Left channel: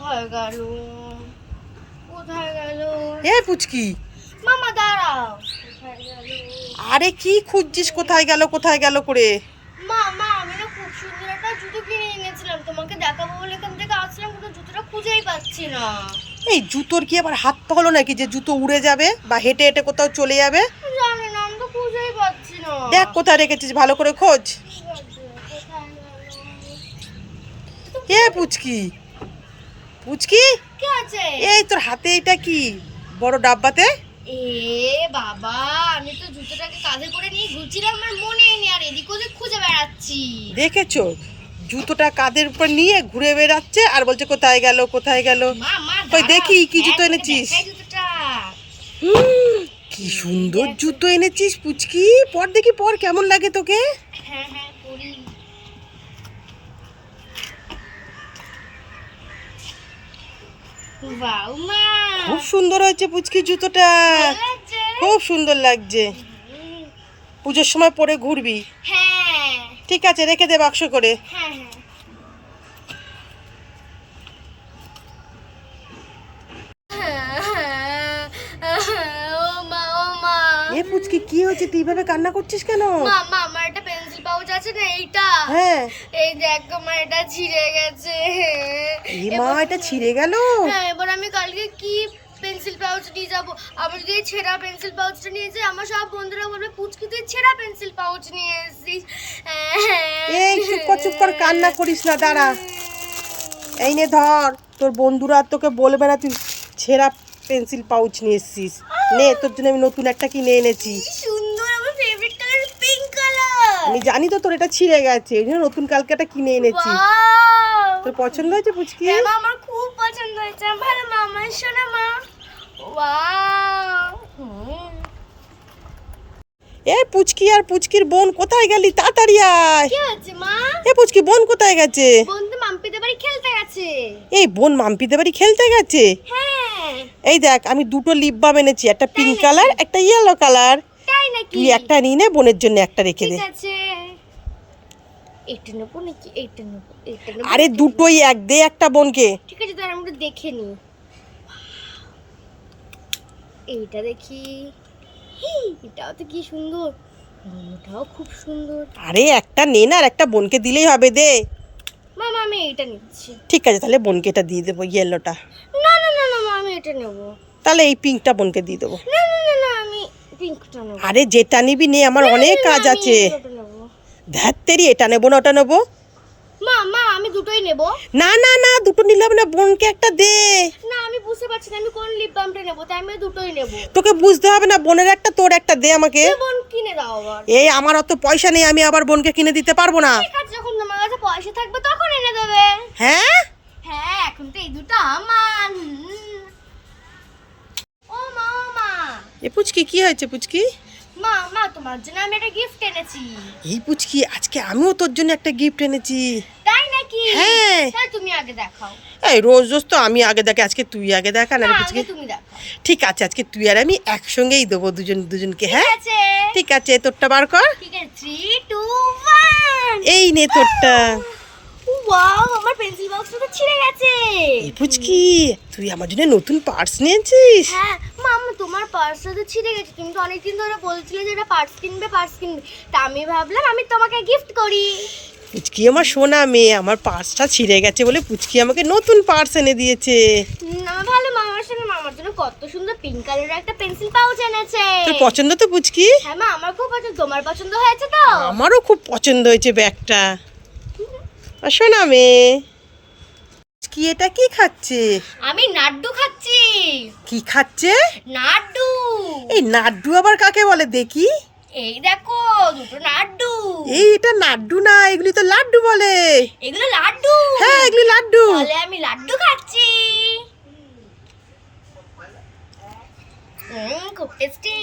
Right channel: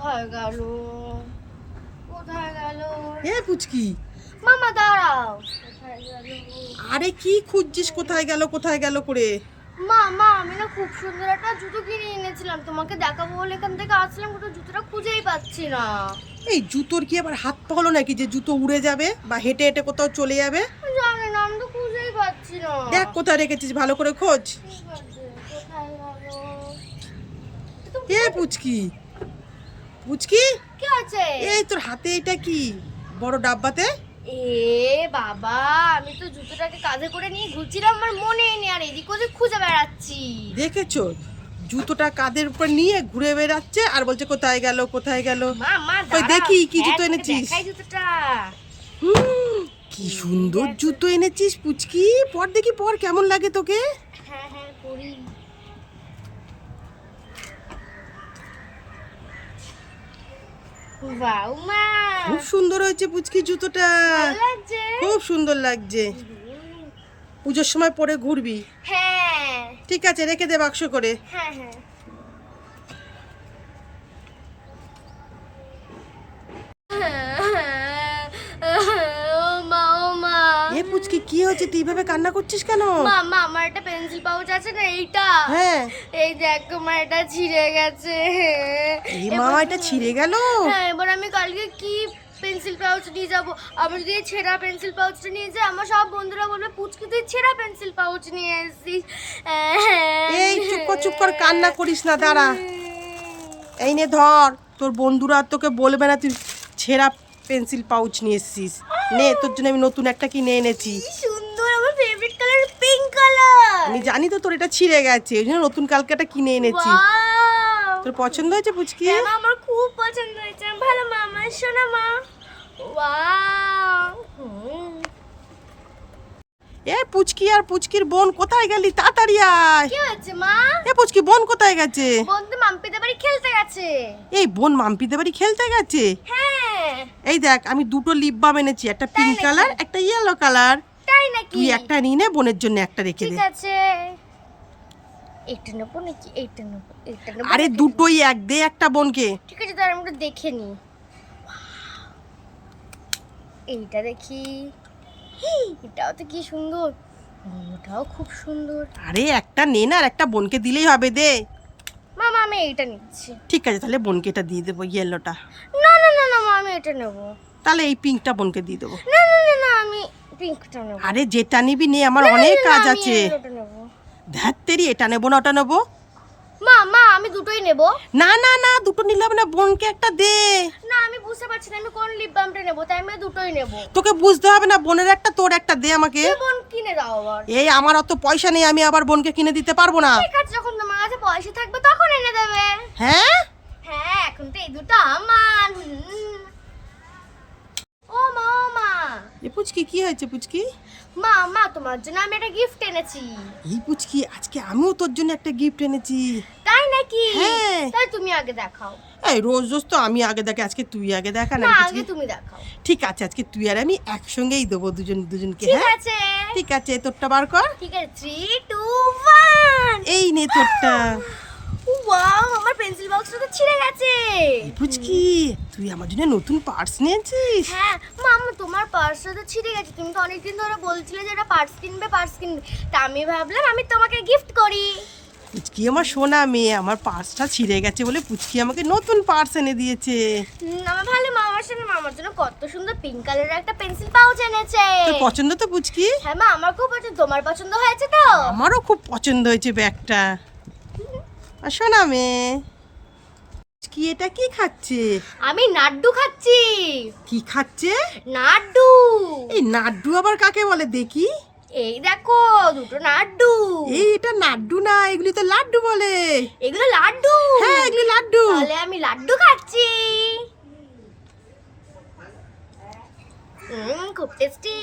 কোথায় গেল? কোথায় গেল? এ পুচকি, মামা দাঁড়াও। কোথায় গেল? আরে কি খুঁজছিস কোথায় গেল কোথায় গেল করে? মামা আমি না খুব সুন্দর একটা জুতো কিনে এনেছিলাম, তোমাকে দেখাবো বলে এখান থেকে আসলাম, কিন্তু জুতোটা খুঁজেই পাচ্ছি না। এই জুতোর কি আবার হাত পা হলো নাকি যে জুতো উড়ে যাবে বা হেঁটে হেঁটে কোথাও চলে যাবে? জানি না, আমি তো খুঁজেই পাচ্ছি না। দেখ কোথায় রেখেছিস, ভালো করে খোঁজ। কোথায় গেল? এ পুচকি, পুচকি, কি আছে? এই তোর হাতে এটা কি বড় ডাব্বাতে? এ বাবা, আমি তো জুতোটাকে কাঁধে করে নিয়ে ঘুরছিলাম, আমার মনেই নেই, আর এদিক ওদিক খুঁজে বেড়াচ্ছি। দেখেছো, জুতোটা কাঁধের উপর নিয়ে ঘুরে বেড়াচ্ছে আর বলছে কোথায় গেল কোথায় গেল। মা কই দেখি কি জুতো এনেছিস। দেখাই জুতোটা। কি সুন্দর জুতো এনেছিস পুচকি, পর দেখি পর কেমন লাগে তোকে। হ্যাঁ হ্যাঁ পরি। ওয়াও মা, খুব সুন্দর হয়েছে পুচকি জুতোটা, ভালো লাগছে। খুব সুন্দর লাগছে। পুজোর সময় পরে ঘুরবি। হ্যাঁ ঠিক আছে, রেখে দে বাক্স করে। হ্যাঁ হ্যাঁ। ও মা, ও মা। এ পুচকি কি হয়েছে, তুই এইভাবে কান্না করছিস কেন? মা আমার একটা পেন্সিল পাউচ আছে না, এইটা, হ্যাঁ। এই দেখো মা, এটা ছিঁড়ে গেছে। এই মা, এটা ছিঁড়ে গেল। হ্যাঁ, এবার আমি কালকে কি পেন্সিল পাউচ নিয়ে যাব? আমি যদি এই ছেঁড়া পেন্সিল পাউচটা নিয়ে যাই, আমার সব বন্ধুরা বলবে পুচকি তুই ছেঁড়া পেন্সিল পাউচ নিয়ে এসেছিস। এই চুপ কর কান্না করিস না, দাঁড়া। এই নে ধর, তোর বন্ধুরা আর তোকে বলবে না তুই ছেঁড়া পেন্সিল পাউচ নিয়ে এসেছিস। নে, তোর জন্য আমি নতুন একটা কিনে এনেছি। কি সুন্দর, আমার ফেভারিট কালার পিঙ্ক কালার। আমি জানি তো তোর এটা ছিঁড়ে গেছে, ওই জন্য নতুন কালকে একটা কিনে এনেছি। ওয়াও, তোর পছন্দ হয়েছে পুচকি? হ্যাঁ মা, আমার খুব পছন্দ হয়েছে। ভালো মা, আমার শোনা মা। ওয়াও। এ পুচকি আর পুচকির বোন কোথায় গেলি, তাড়াতাড়ি আয়। কি আছে মা? এ পুচকি, বোন কোথায় গেছে? বন্ধু মাম্পিদের বাড়ি খেলতে গেছে। এই বোন মাম্পিদের বাড়ি খেলতে গেছে? হ্যাঁ। এই দেখ, আমি দুটো লিপ বাম এনেছি, একটা পিঙ্ক নাকি? কালার একটা ইয়েলো কালার। তাই নাকি? তুই একটা নিয়ে নে, বোনের জন্য একটা রেখে দে। ঠিক আছে। এটা নেবো নাকি এইটা নেবো? এইটা নেবো আরে নাকি? দুটোই এক, দে একটা বোনকে। ঠিক আছে, তাহলে আমি একটু দেখে নি। এইটা দেখি। এটাও তো কি সুন্দর, ওটাও খুব সুন্দর। আরে একটা নে না, আর একটা বোনকে দিলেই হবে, দে। মামা আমি এইটা নিচ্ছি। ঠিক আছে, তাহলে বোনকে এটা দিয়ে দেবো, ইয়েলোটা। না না না না মা, আমি এটা নেবো। তাহলে এই পিঙ্কটা বোনকে দিয়ে দেবো। না না না না, আমি পিঙ্কটা নেবো। আরে যেটা নিবি নে, আমার অনেক কাজ আছে। এটা নেবো। ধ্যাত তেরি, এটা নেবো না ওটা নেবো। মা মা আমি দুটোই নেবো। না না না, দুটো নিলে হবে না, বোনকে একটা দে। না আমি বুঝতে পারছি না আমি কোন লিপ বামটা নেবো, তাই আমি দুটোই নেবো। তোকে বুঝতে হবে না, বোনের একটা তোর একটা দে আমাকে। বোন কিনে দাও আবার। এই আমার অত পয়সা নেই, আমি আবার বোনকে কিনে দিতে পারবো না। ঠিক আছে, যখন তোমার কাছে পয়সা থাকবে তখন এনে দেবে। হ্যাঁ হ্যাঁ, এখন তো এই দুটো আমার। ও মা, ও মা। এ পুচকি, কি হয়েছে পুচকি? মা মা তোমার জন্য আমি একটা গিফট এনেছি। এই পুচকি, আজকে আমিও তোর জন্য একটা গিফট এনেছি। তাই নাকি? হ্যাঁ। তাহলে তুমি আগে দেখাও। এই রোজ রোজ তো আমি আগে দেখে, আজকে তুই আগে দেখা না না, পুচকি। আগে তুমি দেখাও। ঠিক আছে, আজকে তুই আর আমি একসঙ্গেই দেবো দুজনকে। ঠিক হ্যাঁ আছে। ঠিক আছে, তোরটা বার কর। ঠিক আছে, 3 2 1। এই নে তোরটা। ওয়াও, আমার পেন্সিল বক্সটা তো ছিঁড়ে গেছে। এই পুচকি, তুই আমার জন্য নতুন পার্স নিয়েছিস? হ্যাঁ মাম্মা, তোমার পার্সটা তো ছিঁড়ে গেছে, তুমি তো অনেকদিন ধরে বলছিলে যে এটা পার্স কিনবে পার্স কিনবে, তা আমি ভাবলাম আমি তোমাকে গিফট করি। পুচকি আমার সোনা মেয়ে, আমার পার্সটা ছিঁড়ে গেছে বলে পুচকি আমাকে নতুন পার্স এনে দিয়েছে। আমার ভালো, মামার সঙ্গে মামার জন্য কত সুন্দর পিঙ্ক কালারের একটা পেন্সিল পাউচ এনেছে। তোর পছন্দ তো পুচকি? হ্যাঁ মা, আমার খুব পছন্দ। তোমার পছন্দ হয়েছে তো? আমারও খুব পছন্দ হয়েছে ব্যাগটা। আর সোনা মেয়ে, কি এটা কি খাচ্ছে? আমি নাড্ডু খাচ্ছি। কি খাচ্ছে? নাড্ডু। এই নাড্ডু আবার কাকে বলে দেখি? এই দেখো, দুটো নাড্ডু। এই এটা নাড্ডু না, এগুলি তো লাড্ডু বলে। এগুলো লাড্ডু? হ্যাঁ, এগুলি লাড্ডু। তাহলে আমি লাড্ডু খাচ্ছি। খুব টেস্টি।